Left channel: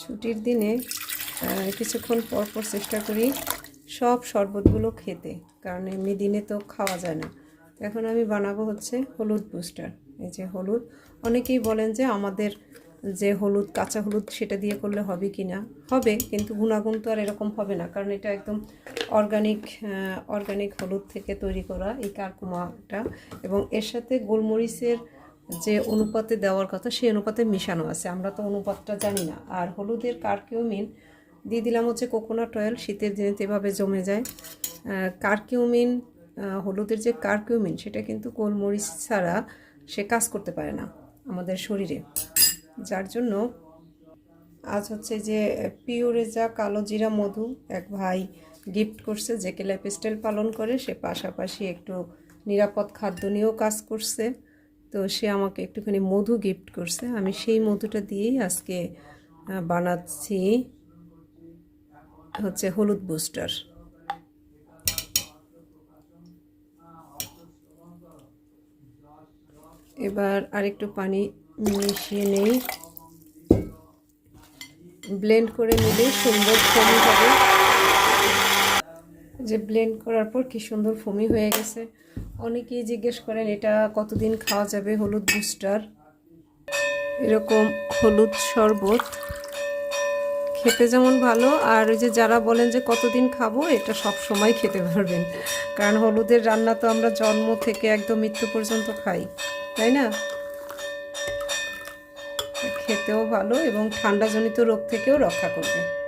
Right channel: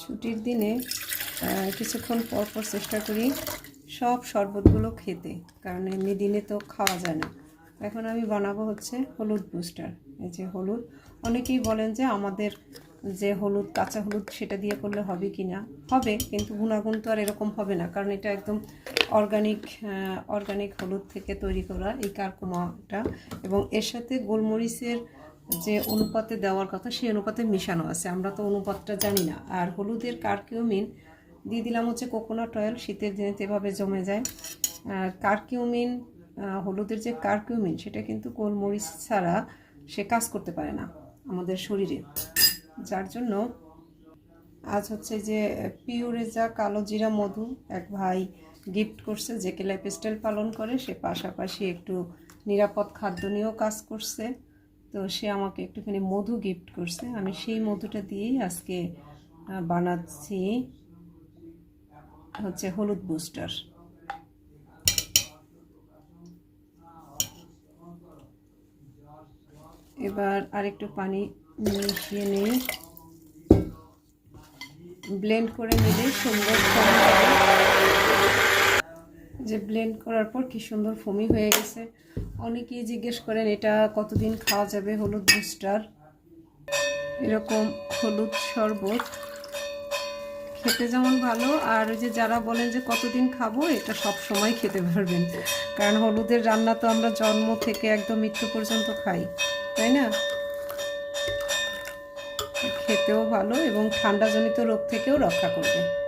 ছুটির দিনে কিছুক্ষণ পর পর চেষ্টা করি সব শরবতগুলো খেতে, কারণ এমনি দিনে তো খাওয়া যায় না। এখন আমি বানাবো হচ্ছে হলুদ বুস্টার। এই যে হলুদ, অনেকেই বলেন যে আমাদের যে হলুদ, কাঁচা হলুদ, সেটা দিয়ে করলে হবে কি না। হবে, কিন্তু গুণাগুণ তো আর এরকম হবে না, কারণ এটা একদম অর্গানিক হলুদ থেকে তৈরি করা এই কারকুমাটা, এবং এর সাথে গোলমরিচের যে অনুপাতে দেওয়ার কথা সেই অনুপাতে মিশানো আছে। আমরা তো অনুপাতটা জানি না। আর হলুদের কারকিউমিন দিয়ে দিলাম হচ্ছে কোকোনাট অয়েল, শীতের দিনে এভাবে জমে যায়। কারকিউমিন, হলুদের যে কারকিউমিন, সেটা কিন্তু গোলমরিচ ছাড়া সে কাজ করতে পারে না আমাদের শরীরে। যার জন্য আজ হচ্ছে যে পিওরেজা কালো জিরা মধু এক ভাই গিফট করছে, যে কে লাইফস্টাইল পালন করে, সে পাশাপাশি একটু নিরাপদ খাদ্য নিয়েও কাজ করছে। তো সে আমাকে একটুখানি মধু গিফট করছে, আমি সেই মধুটা দিয়েই আজকে বানাচ্ছি হচ্ছে হলুদ বুস্টার। এবার আরেকটু পানি মিশিয়ে নেই, ব্লেন্ড করে নিলে সুন্দর ফোমি হবে। যে ব্লেন্ড করার পর কি সুন্দর ফোমি হয়ে গেছে। অনেকেই জিজ্ঞেস করেন এটা কতদিন খাওয়া যাবে হলুদ বুস্টার। এরকম হলুদ শরবত খেতে যেমন ভালো, আর ওই যে যারা বলেন যে কতদিন খাবো, এটা সব সময় খেতে পারবেন, কারণ হলুদের রান্না তো আমরা জন্ম থেকে একদম মৃত্যু পর্যন্ত খাই, তাই না? খেতেও ভালো এবং ঠান্ডাজনিত রোগ থেকেও রক্ষা করবে।